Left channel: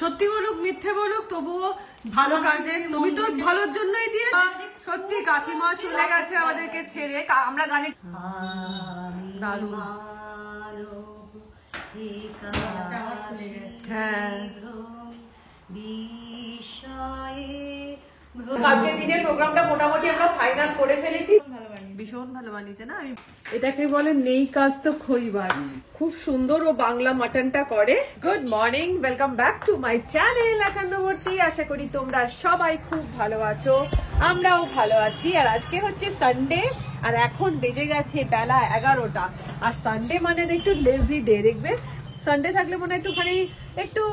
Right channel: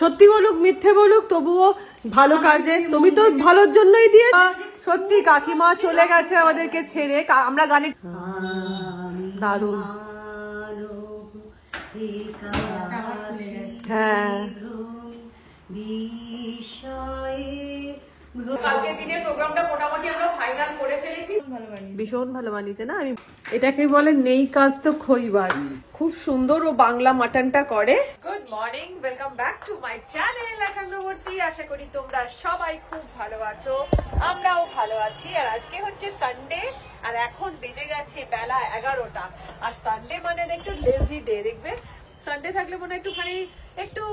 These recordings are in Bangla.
সত্যি বলুক মিথ্যে বলুক তবুও ভালো কাজে, তুমি তো ভালোর জন্যই দিয়ে। সত্যি কাকিমা চলে গেছে আমাদেরকে ছেড়ে। আমরা গানে দারুণ। হ্যাঁ, কালকে দিনের প্রোগ্রামটা মোটামুটি আমরা ফাইনাল করে ফেলেছি। ভীষণ ভালো বানিয়েছে না? আমি এটাকে বলে নেই কাজ তো খইবাজ। খুব সুন্দর ও বাংলা মাটনটা করে। Good morning, welcome back to my channel একান্নবর্তী। আশা করি তোমরা সবাই খুব ভালো আছো, আমরাও ভালো আছি। আর আজকে হচ্ছে সানডে, আর এখন বেজে গেছে বেলা 11টা। আর সানডে মানে একটু লেজি ডে। দেখবে সানডে থাকলে মনে হয় একটুখানি একটু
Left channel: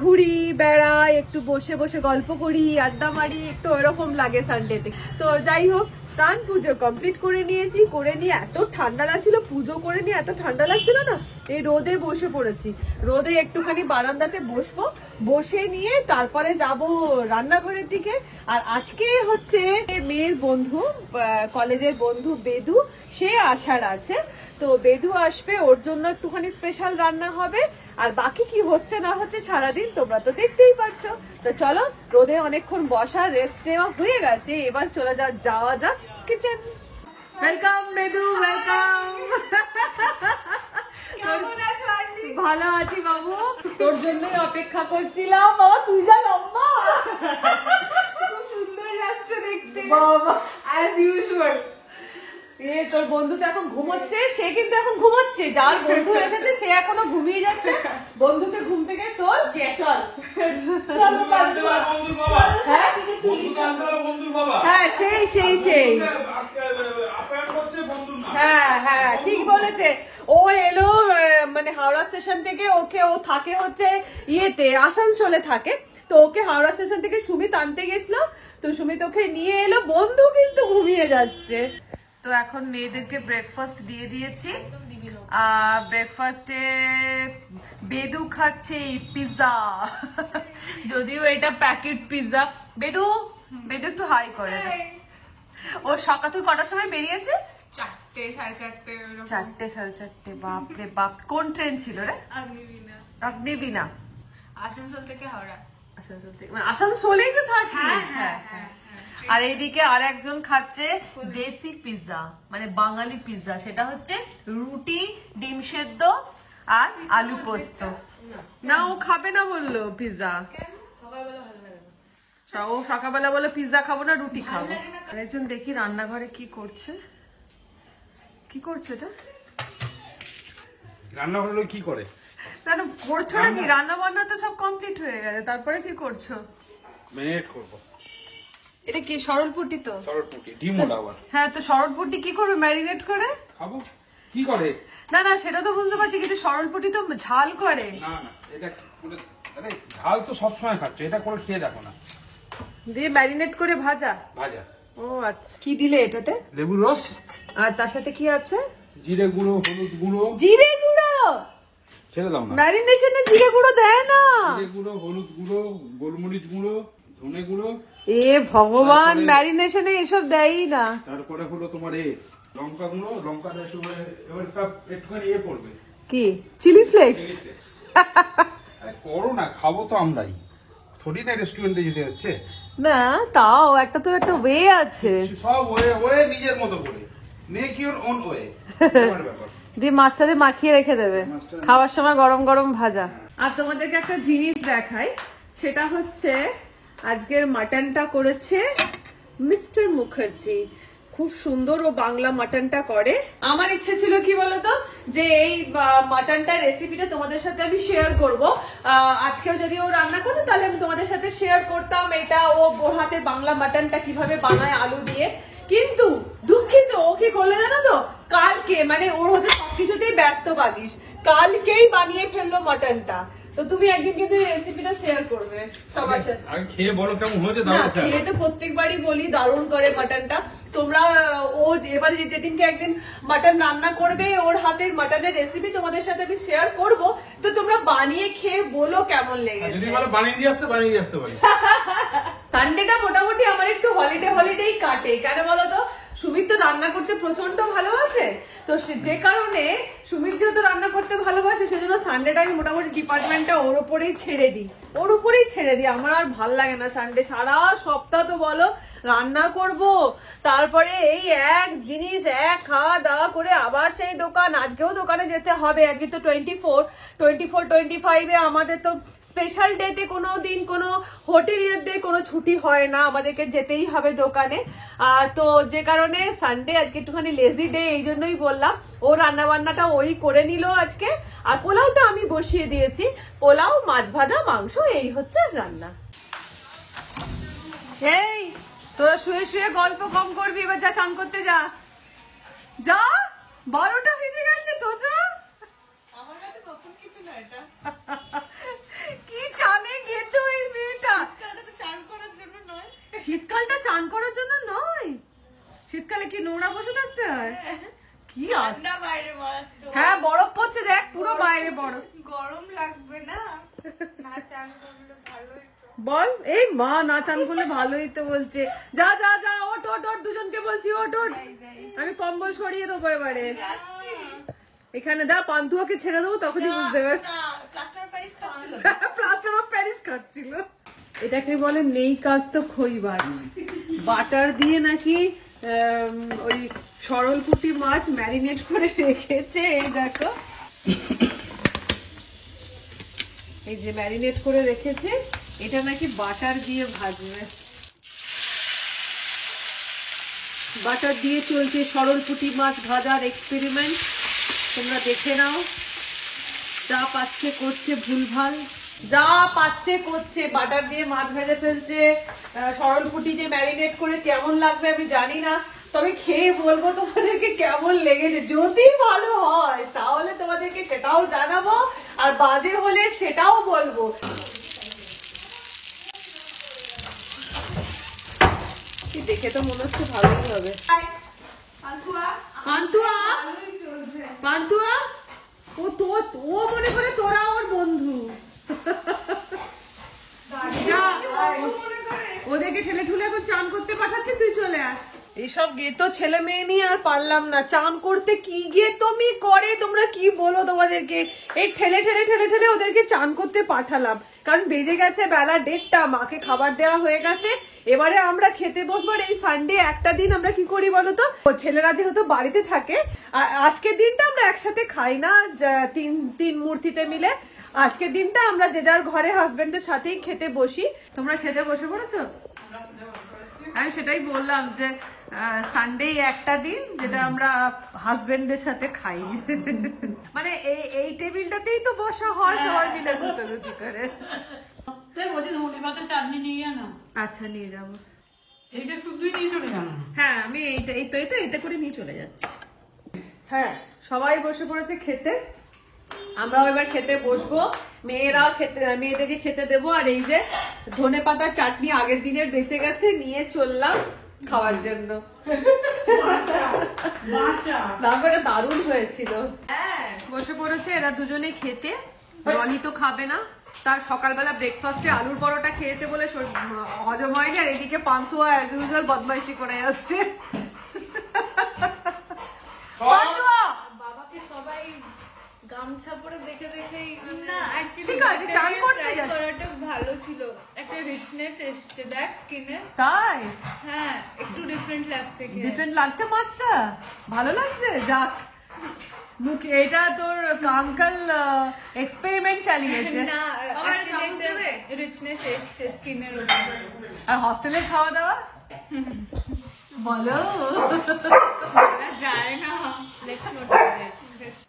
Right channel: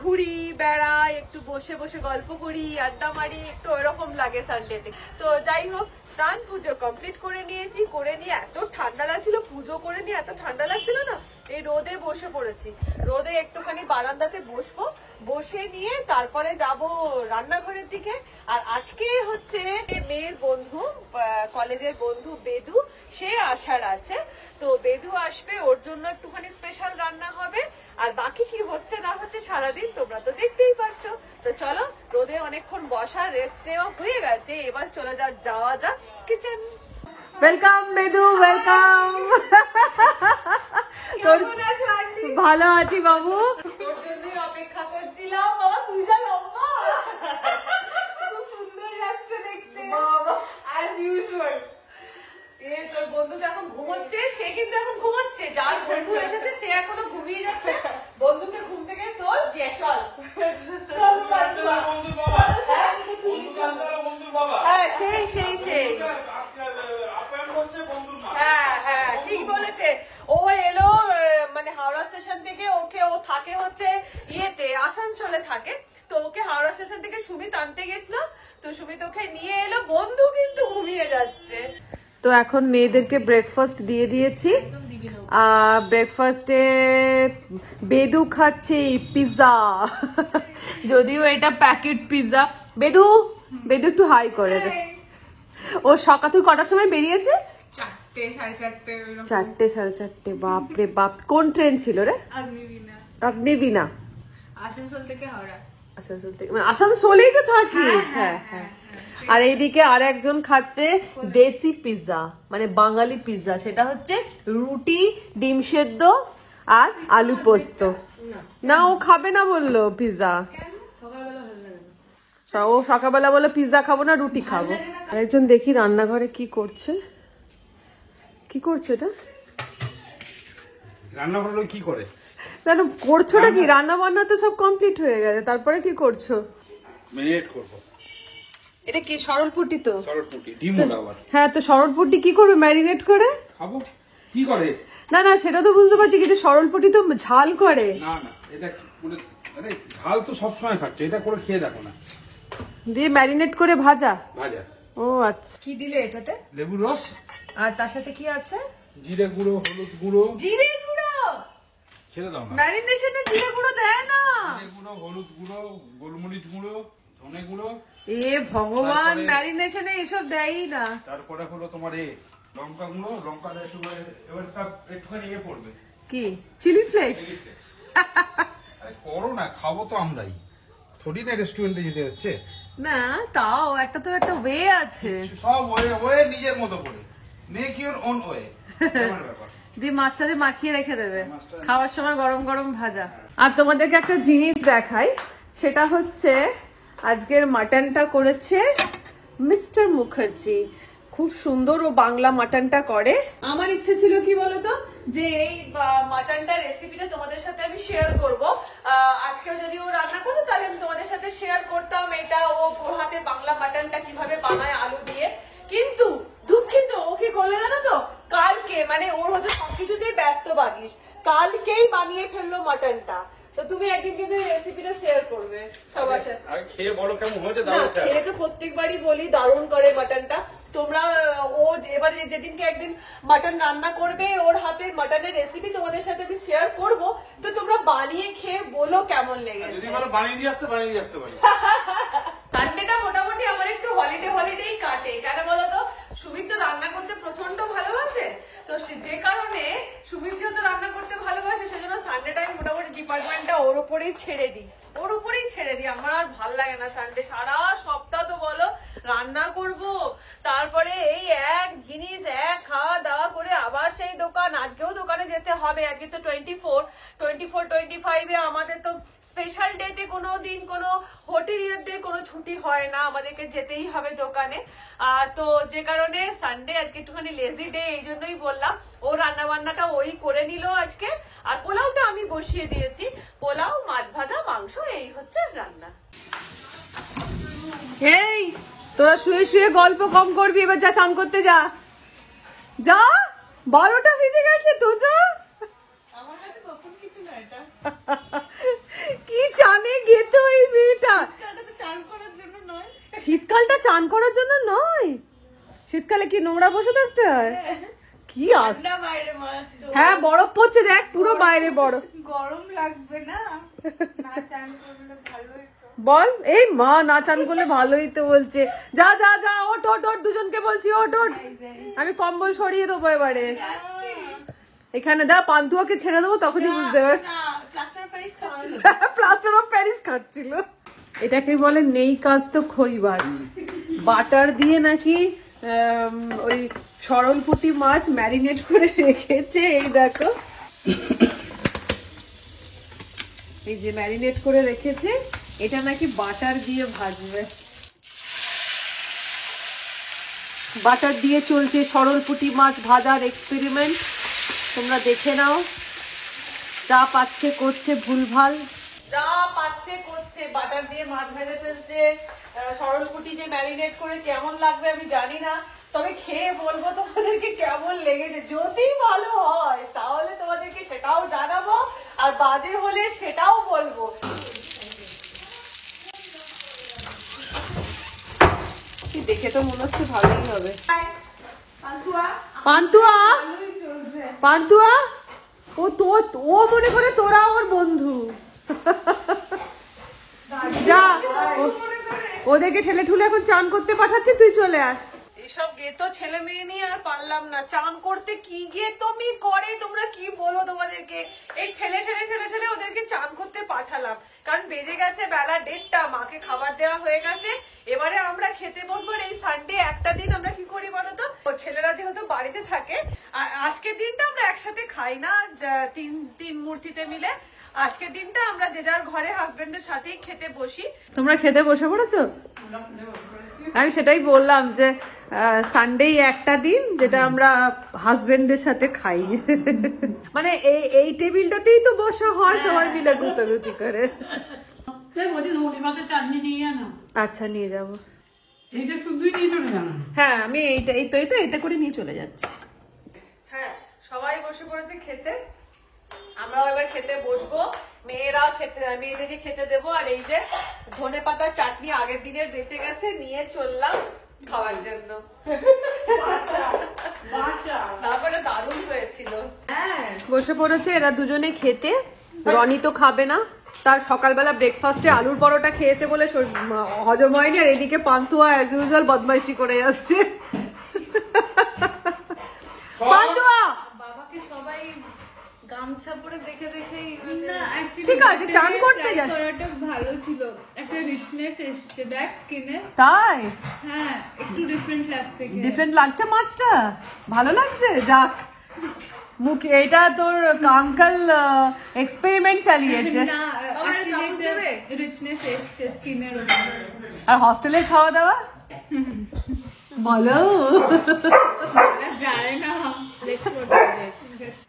ঘুরি বেড়াই, একটু বসে বসে গল্প করি, আড্ডা মারি, একটু ওইরকম লাগে সানডেতে। তো যাই হোক, স্নান পুজো কমপ্লিট করে নিয়েছি। করে নিয়ে এত ঠান্ডা লাগছিল, পুজো করে নিয়ে এত ঠান্ডা লাগছিল না, এই রোদে বসে পড়েছি। রোদে একটুখানি বারান্দাতে বসবো, বসে নিয়ে তারপরে যাব রান্নাঘরের দিকে। আর আজকে হচ্ছে মেয়ের বন্ধু, কলেজের বন্ধু বেদু, সে আসার আছে। তো বেদু আসবে, ওর জন্য একটুখানি স্পেশাল রান্না হবে। আর বাকি কি হচ্ছে না হচ্ছে সারাদিন তোমরা তো দেখতেই পাচ্ছ। তো চলো, রোদে অনেকক্ষণ বসা রেস্ট নেওয়া হয়ে গেছে, এবার চলে যাওয়া যাক কিচেন। Welcome বেদু, welcome. ভালো আছি বাবু, তোর জন্যই অপেক্ষা করছিলাম। বাবা তুই যা লম্বা, খুব সুন্দর লাগছে দেখতে বাবা, অ্যাজ ইউজুয়াল। তোর বন্ধু তো এখন ঘুমোচ্ছে, সে কিন্তু এখন ঘুমোচ্ছে। যার বন্ধু এসেছে সে এখনো ঘুমিয়ে যাচ্ছে। বন্ধুকে ঘুম থেকে তোর চল, হ্যাঁ সেই সেই সেই, হ্যাঁ হ্যাঁ ঠিক বলেছে। ও এলো মানে হাওড়া স্টেশন থেকে, ও থাকে হচ্ছে ইয়েতে, আসানসোলে থাকে। তো ওকে হাওড়া স্টেশন থেকে সুমিত আনতে গেছিল, তো সুমিত ওকে নিয়ে এলো। বন্ধু কিন্তু ঘুমিয়ে যাচ্ছে। তো এখন মেয়েদেরকে ব্রেকফাস্ট দিয়ে দিয়েছি। আর ব্রেকফাস্টে বেদু খাচ্ছে পিৎজা, যদিও এটা প্যাকেট পিৎজা। বেদু বেদু একটু হাই করে দে। ও সকাল তুই কটার সময় বেরিয়েছিস? 4টে, 4:30। 4টে, 4:30। বাপরে বাপ, কোন ট্রেন ছিল রে? অগ্নিবীণা। আসানসোল থেকে হাওড়া। আসানসোল থেকে, মানে আসানসোলেই তো থাকিস? হ্যাঁ হ্যাঁ। আর এইদিকে আর একজন খাচ্ছে দেশি পিৎজা, মানে বাঙালি পিৎজা। সেটা হচ্ছে রুটি, ডিম সেদ্ধ আর আলু পোস্ত। না ও খাবে না বললো পিৎজা। ও সকালবেলা বলে পিৎজা খাবো না, রুটি খাবো। আরেকজন দেখি রান্নাঘরে কি করছে। কি করছে এটা? রান্নাঘরে কি করে? কেন করছোটা কি? রান্না বান্না তো সব কমপ্লিট হয়ে গেছে, তারপরে কি করছো? ম্যারিনেট করবো। এটা কি সরলপুটি? তো সরলপুটি, ডিম আবার। হ্যাঁ, তো সরলপুটি কি করবে ম্যারিনেট করে? খাবো। কি করে? না না সেটা তো বুঝতে পারছি, কিন্তু সরলপুটি তো ঝাল করে। না না, এটা মানে ঝাল তো সবসময় খাচ্ছে, এটা করে খেয়ে দেখো না। দিয়ে ম্যারিনেট করে ভাজা? ভাজা। ও আচ্ছা। কি দিলে এটাতে? লেবুর রস। আর তার সাথে কি আছে? জিরে গুঁড়ো, হলুদ গুঁড়ো। জিরে গুঁড়ো? ছেড়ে দাও না। ম্যারিনেশনে জিরে গুঁড়ো দেয় না? জিরে গুঁড়ো, হলুদ গুঁড়ো, গোলমরিচ গুঁড়ো, ধনে গুঁড়ো। এ ভগবান, ম্যারিনেশনে এসব দেয়ই না। তারপরে হলো তোমার লঙ্কা গুঁড়ো, লঙ্কা দিয়ে এবার একটুখানি পড়বে। কি চিলি ফ্লেক্স? করো না, খাবো তো আমরাই, থোড়ি না রেস্টুরেন্টে যেতে হচ্ছে। না তাও একটা তো একটা ওয়ে আছে। সব ওয়ে নিজের মতো করে, মেক ইউর ওন ওয়ে। দিয়ে মাছটাতে মাখিয়ে রেখে দেবে, খাওয়ার সময় গরম গরম ভাজা। আর তোমাদেরকে একটা জিনিস দেখাই, সেটা হচ্ছে আজকের মাটনটা করেছে মিস্টার মুখার্জি। খুব সুন্দর ও বাংলা মাটনটা করে। আমার ইচ্ছে ছিল কি বলতো, যে এই মাটনটা রেসিপিটা তোমাদের সাথে আমি শেয়ার করব। আজকেও যদি ও রান্না করতো তাহলে আমি তোমাদের সাথে শেয়ার করতাম এটা, ওর হাতে বাংলা মাটনটা কিভাবে বানায় আলু দিয়ে। কিন্তু দুঃখিত, ও কি করলে জানো তো, কালকে, মানে ওর হচ্ছে সবকিছুতেই ব্যস্ত বাগিস, কালকেই বানিয়ে ফেললো মাটনটা। তো তুমি একদিন কিন্তু রেসিপিটা শেয়ার করবে সবার সাথে। আমি খেয়ে বলো কেমন হয়েছে। খেয়ে তো প্রত্যেকবারই বলি দারুণ করে মাটনটা। তোমরা ও এবারে যেদিনকে একদিন মাটন রান্না করবে, ওর হাতের মাটনের রেসিপি তোমাদের সাথে আমি শেয়ার করব। তো তোমরা বানিয়ে খেয়ে বলো কেমন লেগেছে। যদি বলো বানিয়ে দিয়ে আসতে পারি। সানডেটা মোটামুটি আমার একটু হলিডেই কাটে। কেন বলো তো, সুমিত তো রান্না করতে প্রচন্ড ভালোবাসে, তো যে কারণে সুমিত যেহেতু রান্না করতে ভালোবাসে সেজন্য সানডেটা আমি মোটামুটি ডিপার্টমেন্টটা ওর উপরেই ছেড়ে দিই। আমার আর ভাল লাগে না সানডে। সারা সপ্তাহ তো বলো রান্না করব, তারপরে এই এক জিনিস এক খাওয়া দাওয়া করে আবার সেই দোকান। আজকেও দোকানে যেতে হবে, আজকে তো 24-25 আমাদের তো স্পেশাল ডেতে কোনো দিন কোনো হোটেলের ডে কোনো ছুটি হয় না, আমাদেরকে যেতেই হবে দোকানে। তো যে কারণে সানডে আজকে একটুখানি লেজি ডে, এই জন্যই বললাম। ও রান্না বান্নাটা ওই করে নিল আজকে, আর পোলাওটা আমি বসিয়ে দিয়েছি। পোলাও, মাছ ভাজা, মাংস, এই হচ্ছে রান্না। এই তোরা শুয়ে শুয়ে গল্প কম করবি, এবার যা চান করতে যা। 12টা বেজে গেছে তো যা। আমার কাছে নতুন কিছু না এটা। কি জানে গেতো এই মেয়েটা। এটা তো চান করার জন্য নয়। শীতকালটা চান করার জন্য নয়? শীতকালে কি নোংরা বসে থাকতে হয়? কি আস না, বাইরে মারাত্মক। হ্যাঁ, বরফ পড়ছে দেখ, পুরো বাইরে বরফ। গরম লাগবে না? না চান করলে ভালোই তো। বল, এই মা না চান করলে ভালোই তো বলছে। যা যা যা, ওট ওট ওট, দুজনকে বলছি ওট ওট। আমি কম্বল সরিয়ে দেবো এবারে। এখানে দা পান্তুয়াকে ছেড়ে দেবো, তখনই বুঝতে পারবে। না, প্লাস্টার অফ প্যারিস খাচ্ছিল। প্লাস্টার অফ প্যারিস খাচ্ছিল। এটাকে বলে নেই কাজ তো খইবাজ। বাটার দিয়ে নাকি ওই সরলপুঁটি মাছ ম্যারিনেট করে রেখেছে। এই দেখো, এই যে ম্যারিনেট করে রেখেছে, এটা নাকি বাটার দিয়ে ভাজবে। বাটার দিয়ে চলছে সরলপুঁটি মাছ ভাজার এক্সপেরিমেন্ট। তোমরা দেখে নাও। যা পাচ্ছে করছে, ভুলভাল যা পাচ্ছে করছে। বাটার দিয়ে মাছ ভেজে ফেলছে। সরলপুঁটি যে ম্যারিনেট করে কেমন লাগবে আমি জানি না, তবে খেয়ে বলবো তোমাদেরকে কেমন লেগেছে। যদি ভালো হয় তাহলে তোমাদেরকে সেটাও জানাবো, আর বাজে হলে সেটাও বলবো। কি দেখে তো মনে হচ্ছে ভালোই হবে। পান্তুয়া, পান্তুয়া, ও মনে করে তোরা ওর বন্ধু। যা, ওদেরকে ঠেলে ঠুলে এখন চান করতে পাঠাচ্ছে, তুই চলে আয়। এইসব গেতো ছেলে মেয়ে নিয়ে আর পারলাম না। চান করতে কি গিয়ে তুমি করে, তোমরা কি বলো তোমাদেরকে। এই ঠেলে ঠেলে ঠেলে ঠেলে ওদেরকে চান করতে পাঠালাম, কারণ বেজে গেছে বেলা 1:30, মাকে খাবার দেওয়া হয়ে গেছে। এবারে আমরা খেতে বসবো। এই সানডে একটা দিন আমরা কি করি বলতো, ছেলেরা যেহেতু বাড়িতে থাকে, আজকের দিনটা আমরা একসাথে খাই না তিন মূর্তিতে মিলে। আজকের দিনটা আমরা যে যার ঘরে হাজবেন্ডের সাথেই খেতে বসি। তোমরা খেতে বসে পড়েছো? আমি সেটাই বললাম যে সানডে একটা দিন যেটা আমরা হাজবেন্ডের সাথে খাই। মানে এই টেবিলটাতেই তো বসা হয় সবাই মিলে গুতাগুতি করে। আচ্ছা, নিয়ে যাবো। হ্যাঁ, আমি এইটা করে নিয়ে চলে যাচ্ছি। হ্যাঁ, সবাই বসে পড়েছে খেতে। আমরাও এবার খেতে বসবো। মেয়েদেরকে খেতে দেবো। আর এই যে ধনেপাতার চাটনি আগের দিনের বেঁচে গেছে, নিয়ে চললাম খাওয়ার জন্য। রান্নাটা দারুণ হয়েছিল। বসে পড়েছে এরা দুজনে খেতে। রনি তো খাবে না, তার সকালবেলা ব্রেকফাস্টে আলুর পরোটা খেয়েছে বলে হজম হয়নি। আর এদিকে পান্তুয়া অ্যাজ ইউজুয়াল বদমাইশি করে যাচ্ছে। পান্তুয়া, ঠিক আছে, চান করতে যাচ্ছে। ভালো ছিল, একটা রিচনেস এসেছে দেখ স্কিনে। তাই? হ্যাঁ, একটু ডিফারেন্ট লাগছে। ডিফারেন্ট লাগছে মাছটা, ভালো লাগছে। যাক, মুখে এটা তোর আঙ্কেল এক্সপেরিমেন্ট চালিয়েছে। রিচনেস এসেছে স্কিনের। আর হস্টেলের খাওয়া দাওয়া বলো যায় না,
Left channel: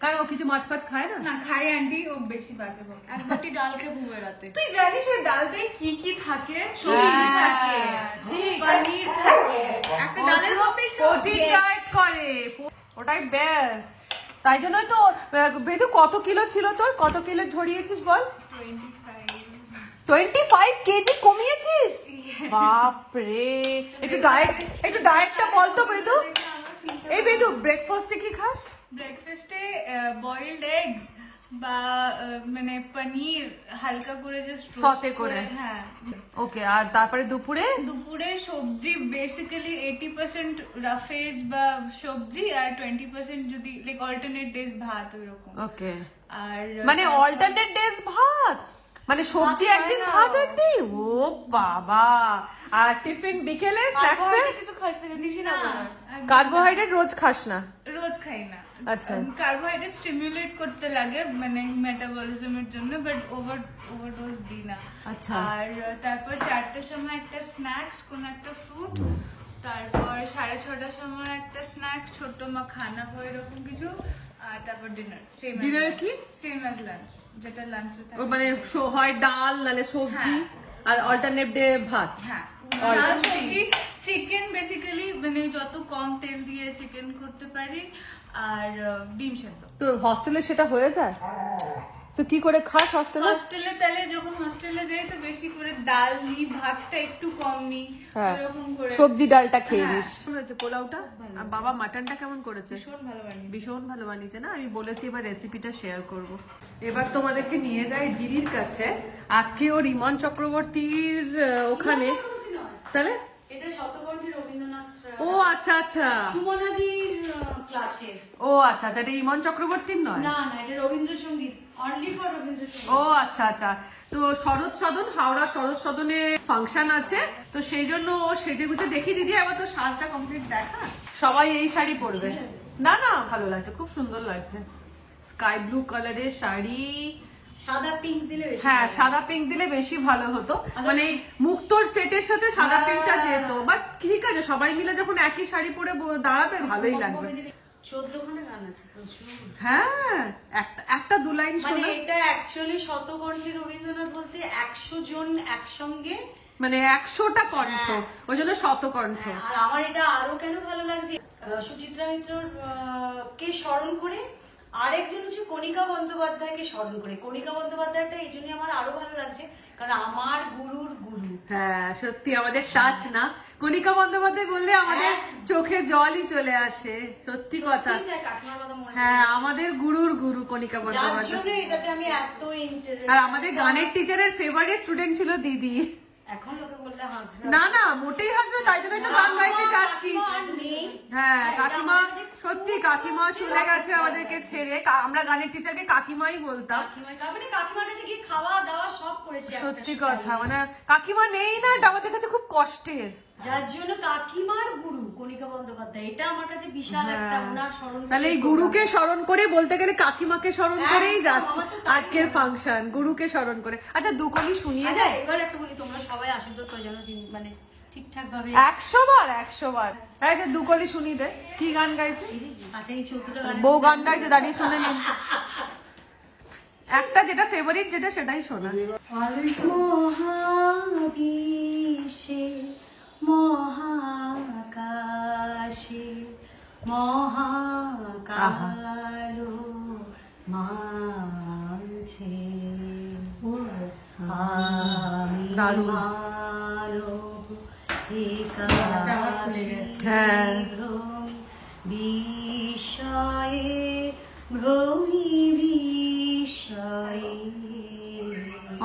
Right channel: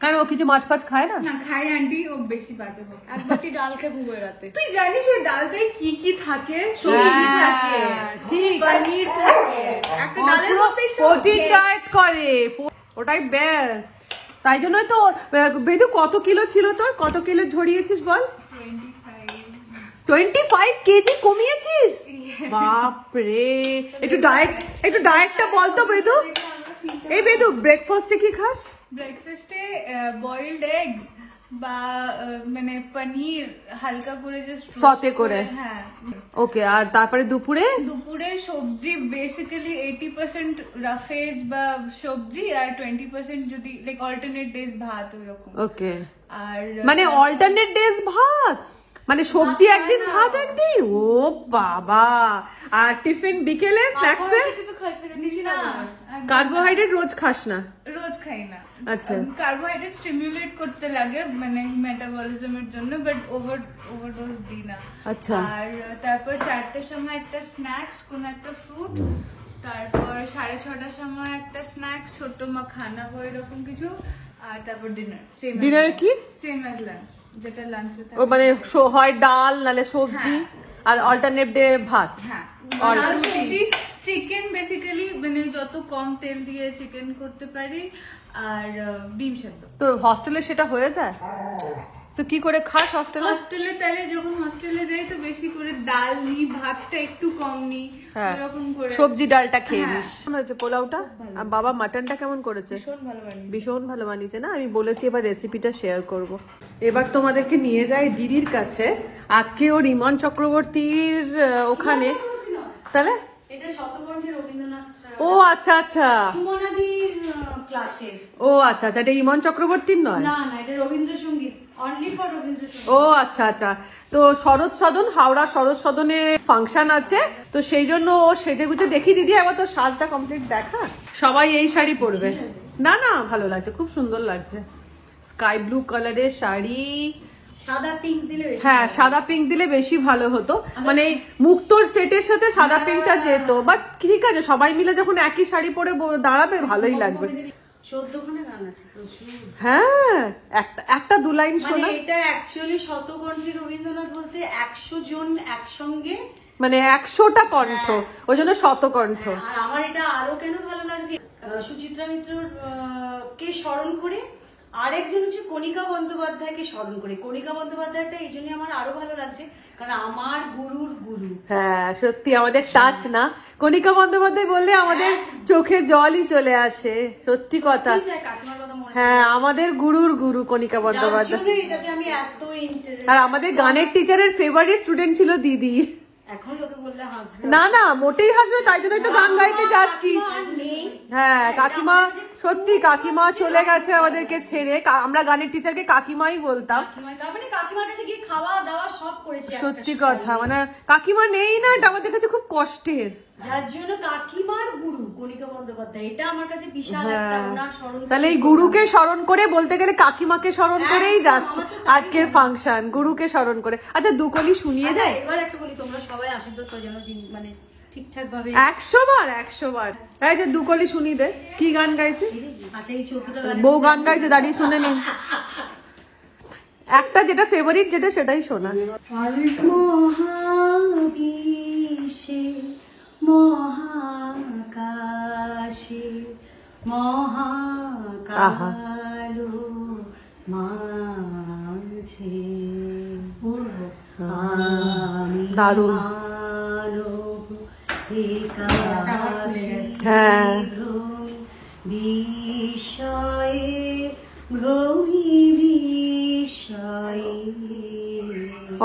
কারণ ও কিছু মাছ ফাছ খায় না। না খাই আন্টি, ও বেশি বাজে এক বাটি ডাল খেয়ে ঘুমিয়ে রাতে। তুই জানিস ওই ডালতে কি কি থাকে? সবজি থাকে, ঠিক, পনির থাকে, একটা ডালের মধ্যে প্রোটিন ডায়েট করে, ওটাই বেস্ট। তাই জন্যই তো বেদু কত কিলো ছিল তোর? কত কিলো ঝরিয়েছিস বল? 25 কেজি কমিয়েছিস? বাপরে, একটু ডায়েটটা বলতো বেদু। এই বেদু, ব্রেকফাস্টে কি খাস? ব্রেকফাস্টে বয়েলড এগস, বা মানে পনির হালকা করে জাস্ট সতে করে। হ্যাঁ ওকে, আর তারপরে দুপুরে দুপুরে সবজি বেসিক্যালি 80% রাফেজ বা সবজি আর 20% যদি লাইক অল্টারনেট ডেজ ভাত ওইরকম। ওকে, আর মানে অল্টারনেট ডেজ ভাত, মানে সবজি একদিন ভাত একদিন, ও বাবা। আর টিফিন বিকেলে স্ন্যাক্সে কিছু খাস না? কার্বোহাইড্রেট রোজ খাস না? রোজ খাই না। আচ্ছা। কার্বোহাইড্রেট স্টিমুলেট করতে লাগে মানে মেটাবলিজমের জন্য, বাট ওভারডোজ দিই না। আচ্ছা। আর তারপর 4টার সময় একটা স্ন্যাক্স, কোন একটা ফ্রুট, তারপর 6:30টার সময় একটা স্ন্যাক্স, ছোট মাখানা বা এরকম কিছু, আর তারপর ডিনার। ডিনারে কি? সেম অ্যাজ লাঞ্চ, যেটা লাঞ্চে ও মানে হয় ডাল নালে সবজি, আর অল্টারনেট ডে ভাত। হ্যাঁ, চিকেন বেসিক্যালি মানে যত কম তেল দিয়ে চিকেন করতে পারি, আর ডিম সেদ্ধ। তো হস্টেলে সেটা হয়ে যায়? তো কি করে খাস হস্টেলে? হস্টেলে তাহলে যখন হস্টেলে যাই তো বেশি করে ডাল নিই, ভাতটা একটু কম নিই, এরকম করে সবজি ডালটা খেয়ে নিস। কেমন হয়েছে পোলাওটা? আর বাবা মাটনটা কেমন করেছে? ভীষণ ভালো বানিয়েছি। ভীষণ ভালো বানিয়েছে না? আমি বলেছি এবার রেসিপিটা শেয়ার করব। এবার তোমাদেরকে নিয়ে যাই দিদির কাছে। আজকে ও ইমন চক্রবর্তীর ওখানে, তাহলে এটা শতকণ্ঠে রবীন্দ্রনাথ ও আচ্ছা আচ্ছা, সুমনাদির ক্লাসের। ও আচ্ছা আচ্ছা, এটা ইমন চক্রবর্তীর নয়? না না, এটা রবীন্দ্রসঙ্গীত, অনলি ফর রবীন্দ্রসঙ্গীত। ও আচ্ছা আচ্ছা। তো শরৎ সদন, হাওড়া শরৎ সদনে ফাংশন আছে, তো সেই জন্য ও সেজে গুজে। দেখি দিদি একবার তো সাজটা কমপ্লিট দেখা। সবাই এই শাড়ি পরবে না? না ভালো লাগছে, খুব সুন্দর লাগছে। স্কাই ব্লু কালারের শাড়ি, সাদা পিঙ্ক দিলে বেশি হ্যাঁ ভালো। সাদা পিঙ্ক দিলে বেশি ভালো হতো, মানে মুক্তোর সেটের সাথে সাদা পিঙ্কটা যেত। বাট ঠিক আছে, সবাই মিলে যখন একই শাড়ি পরে দাঁড়াবে ভালোই লাগবে। 14 খানা গান আছে প্রচুর। হ্যাঁ, একটা দু লাইন মানে শোনা। এটা অ্যাকচুয়ালি শতকণ্ঠে রবীন্দ্রনাথ বলতে 100 জন একসঙ্গে, মানে 100টা কণ্ঠ, ওই জন্য শতকণ্ঠ। আর আমার এটা আরো কেন ভালো লাগছে, সুচিত্রা মিত্রর কে স্মরণ করে, আরেকজন হচ্ছে কণিকা বন্দ্যোপাধ্যায়কে স্মরণ করে। কণিকা বন্দ্যোপাধ্যায়টা এই জন্য আমার আরো ভালো লাগছে, কারণ আমার গুরুর গুরু। হ্যাঁ সত্যি আমাদের টাচ না, কণিকা বন্দ্যোপাধ্যায় বললে আমাদের চোখে জলই চলে আসে, সত্যি কথা। কাকিমার কথা মনে হ্যাঁ, আমাদের গুরুর গুরু কণিকা বন্দ্যোপাধ্যায়। পড়ছে, এটাতে আমি এত ইন্টারেস্ট। আর আমাদের গানের টিচারের ফেভারিট স্টুডেন্ট ছিল দিদি। এখন লোকে বললে হাসবে। না না, মোটেই হাসবে, তাই জন্যই তো গান গাইতে যাচ্ছিস। আর নেই। হ্যাঁ কাকিমা, সত্যি কাকিমা চলে গেছে আমাদেরকে ছেড়ে। আমরা গানের টিচারকে কাকিমাই বলতাম। মানে কাকিমার কাছে গিয়ে খাওয়া দাওয়া সব করেছে। সত্যি কথা, মানে কাকিমা নেই না, এটা আমাদের কাছে খুব কষ্টের। যার জন্য কাকিমার গুরু কণিকা বন্দ্যোপাধ্যায়, এটা আমার কাছে বিশাল একটা ওনার স্মরণ। তাহলে এই গুরুকে স্মরণ করে, বলতে গেলে কাকিমাকে স্মরণ করেই যাচ্ছে আজকের ফাংশন, গুরুকে স্মরণ করে। আচ্ছা দুকলি শুনিয়ে দেয় এবার একটা বলি, তোমরা সবাই আশীর্বাদ করে যেন মানে ঠিকঠাক ভাবে। 100 বার 100 বার। তাই যে দুকলি শুনিয়ে দে। কি গান গাইছে? আচ্ছা এই 14টা বউ গান গাইছে, দাঁড়িয়ে শুনে নিন। একটা যেটা ফেভারিট, যেটা সেটাই শোনা। মহাবিশ্বে মহাকাশে মহাকালো মাঝে আমি দারুণ। মানব হ্যাঁ বিষয়ে ভ্রমি বিষয়ে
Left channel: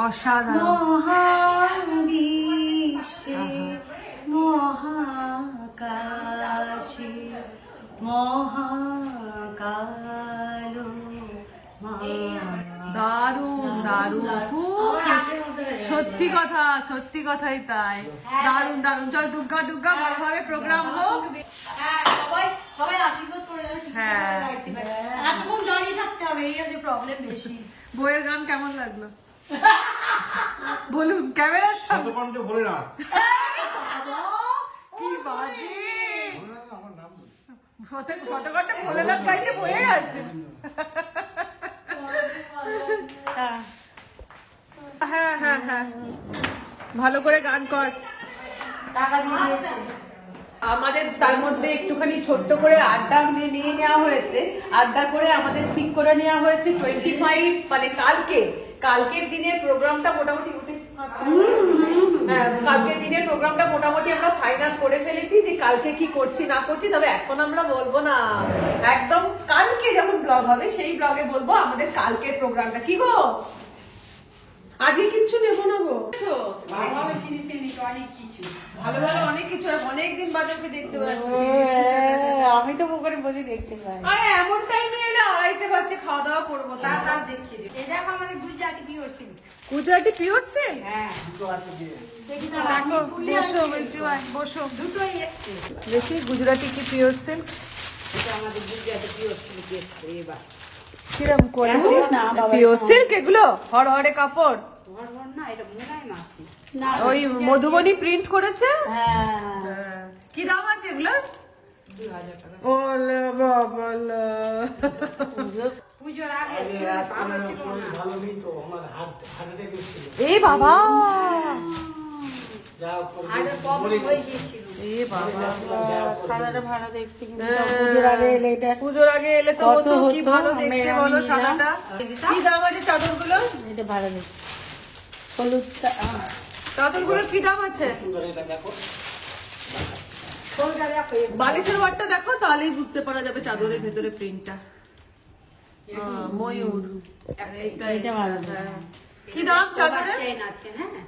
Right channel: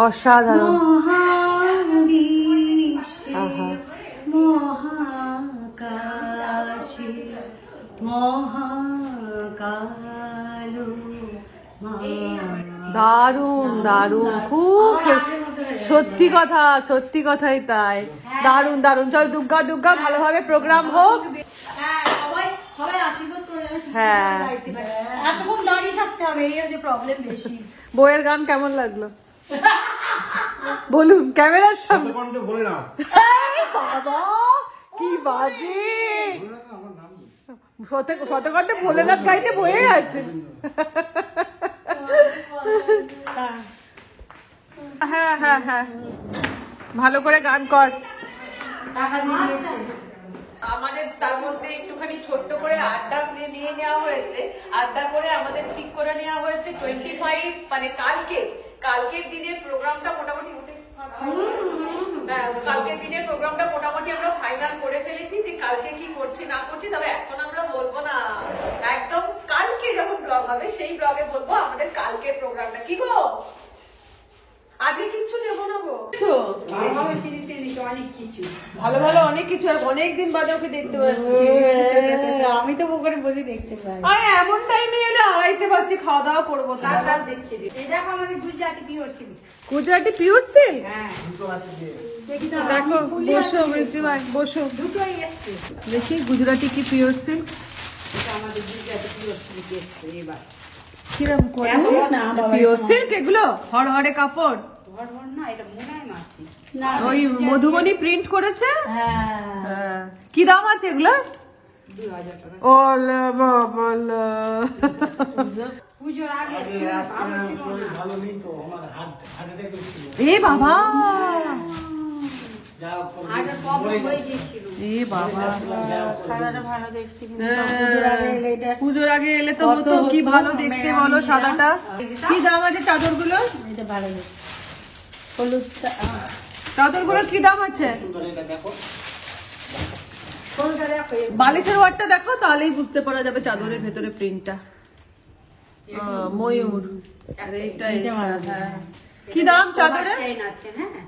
অসাধারণ। মহাবিশ্বে মহাকাশে মহাকালো দারুণ দারুণ, খুব সত্যি কথা, সত্যি কথাই তাই। দারুণ দারুণ। চল দুর্গা দুর্গা, ভালোভাবে প্রোগ্রাম হোক। সবাই আশীর্বাদ করে যেন হ্যাঁ, এতক্ষণ দাঁড়িয়ে থাকতে হবে, এই হচ্ছে প্রবলেম বেশি। বইয়ের গান কেমন লাগলো বলুন ক্যামেরার সামনে। শতকণ্ঠে বলে না, এই বাবা কি বাজে, শতকণ্ঠে ভোলেনাথ গাইতে বয়ে আছে। হ্যাঁ হ্যাঁ হ্যাঁ, ভালো করে গান কর। আমাদের তার মধ্যে একটুখানি ছোট্ট করে আড্ডা নিয়ে নেওয়া হয়েছে। আড্ডা করে আমাদের ঠিক করে নেওয়া হয়েছে 25, মানে কালকের দিনের প্রোগ্রামটা মোটামুটি হ্যাঁ, কালকে দিনের প্রোগ্রামটা মোটামুটি আমরা ফাইনাল করে ফেলেছি যে কালকে কি করছি না করছি, তবে এখন আমরা বলবো না, একদম কালকে যখন ব্লগ হবে সেই ব্লগে বলবো আমাদের কালকের প্রোগ্রামটা। কি গো আজকে কিচ্ছু নেবো না গো? অনেক কিছু ভালো ভালো অনেক কিছু, অনেকদিন বাদে ওকে দেখতে পাচ্ছি। আমি তো পুকুরে বসে দেখতে পাই। আর এমন টাইমে এটা 2:30 বাজছে, খাওয়া দাওয়া করবো। তার দেখিয়ে দিই। দেখো আমাদের Gujarati pure silk. Gujarati pure silk. হ্যাঁ দেখো বসো মিষ্টি ভাই, বসো। দুটোই এসছে। দেখি গুজরাটি কি পিওর সিল্ক। এটা আমাদের গুজরাটি পিওর সিল্ক এসছে এবার। কিরম করে না বাবা, পিওর সিল্ক এগুলো হড়হড়ে কাপড়। না এটা মোটাই মাছ। ওই মধুবনী প্রিন্ট করেছে। হ্যাঁ কি দাম আছে এগুলো? 2000 টাকা। ওলে বাবা, পুজোর আগে এ বাবা, আগে কম হয়ে গিয়েছিল। এ বাবা, সাদাটা ভালো দেখতে কিন্তু পুজোর আগে এলে তো হতো। কি ভালো দেখতে বলো সাদাটা। কি দাম আছে চাদরগুলো? এটা ভালো নেই। হলুদ চাদরগুলোর কি দাম আছে? বালিশের ওয়ারটা দেখো, তাহলেই বুঝতে পারা যাবে চাদরের ভেতরে প্রিন্টটা। ময়ূর। আর এইটা, হ্যাঁ। কি দাম চাদরের? চেইন আছে হ্যাঁ।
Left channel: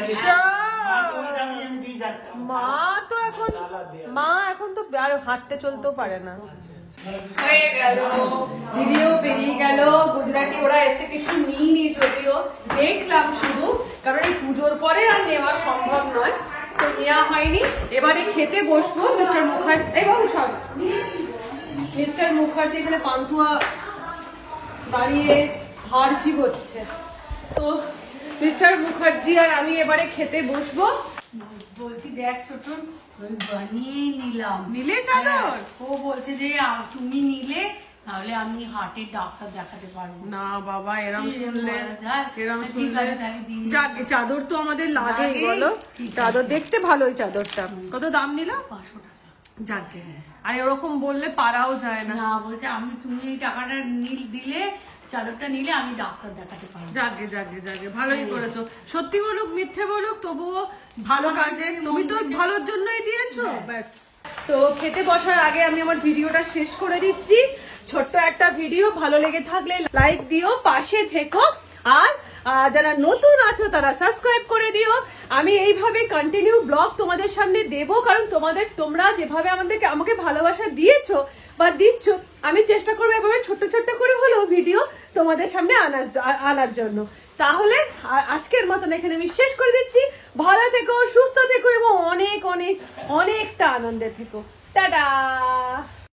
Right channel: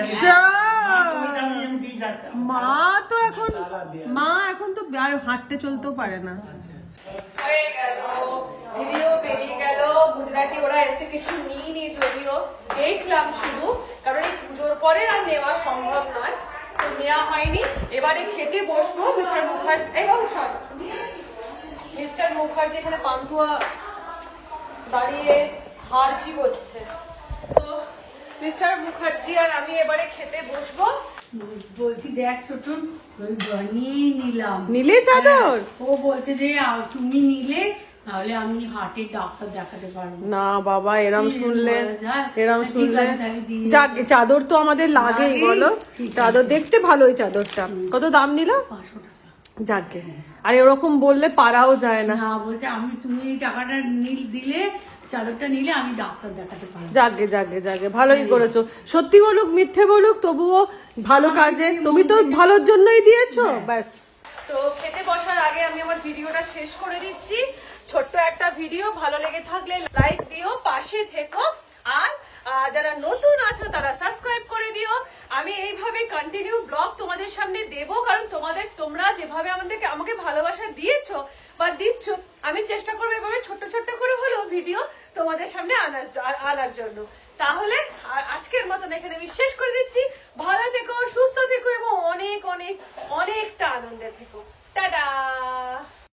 আচ্ছা। মা এখন তো আর হাঁটতে চলতেও পারে না। হয়ে গেল, ভিডিও বেরিয়ে গেল। গুজরাটি ওরা এসে কিছু নিইনি, যদিও দেখলাম শুধু, কারণ এই পুজোর পরে আর নেওয়া সম্ভব নয়, তো নেওয়া হয়নি। এবারে খেতে বসবো। মিস্টার মুখার্জি, এই বাবু সব, মিস্টার মুখার্জি এখানে পান্তুয়া দাঁড়িয়ে হারজি হচ্ছে, তো মিস্টার মুখার্জি আর আমি এবারে খেতে বসবো। বলছি দেখ ছোট, ওই বানিয়ে নিলাম। নিলে চাদর? ও বলছে যে তুমি নিলে তাহলে আমি হার্টের ডাক্তার দেখাতে পারবো। না বাবা, এরম শুনলে, এরম ঠিক শুনলে আছে, তাহলে দিয়ে যাক, চাদর তো আমাদের লাগেই লাগেই, বলো। ঠিক আছে। চাদর দেখতে ভালো, এই চাদরটা কত দাম নিল? 500 টাকা। যাকে, আর এরকম বললে পারাও যায় না। না বলছে তুমি এই টাকাটা দিলে, চাদরটা নিলে আমি ডাক্তার দেখাতে পারবো। যাকে ভালোই করেছো। সত্যি বলুক মিথ্যে বলুক, তবুও ভালো কাজে, তুমি তো ভালোর জন্যই দিয়েছো। ব্যাস, তো খেতে বসার আগে আমি আমার ভিডিওটা শেষ করে দিচ্ছি। ছোট্ট একটা ভিডিও, ভালো লেগে থাকলে লাইক দিও, পাশে থেকো, আর যারা নতুন আছো তারা সাবস্ক্রাইব করে দিও। আমি এইভাবে কন্টিনিউ ব্লগ তোমাদের সামনে দেব, কারণ তোমরা যেভাবে আমাকে ভালোবাসা দিয়েছো বা দিচ্ছ, আমি চেষ্টা করবো এভাবে ছোট্ট ছোট্ট করে হলেও ভিডিও তোমাদের সামনে আনার জন্য। তাহলে আজকের মতন এখানে আমি শেষ করে দিচ্ছি। ভালো থেকো, সুস্থ থেকো এবং অনেক অনেক অনেকটা আনন্দে থেকো। টাটা।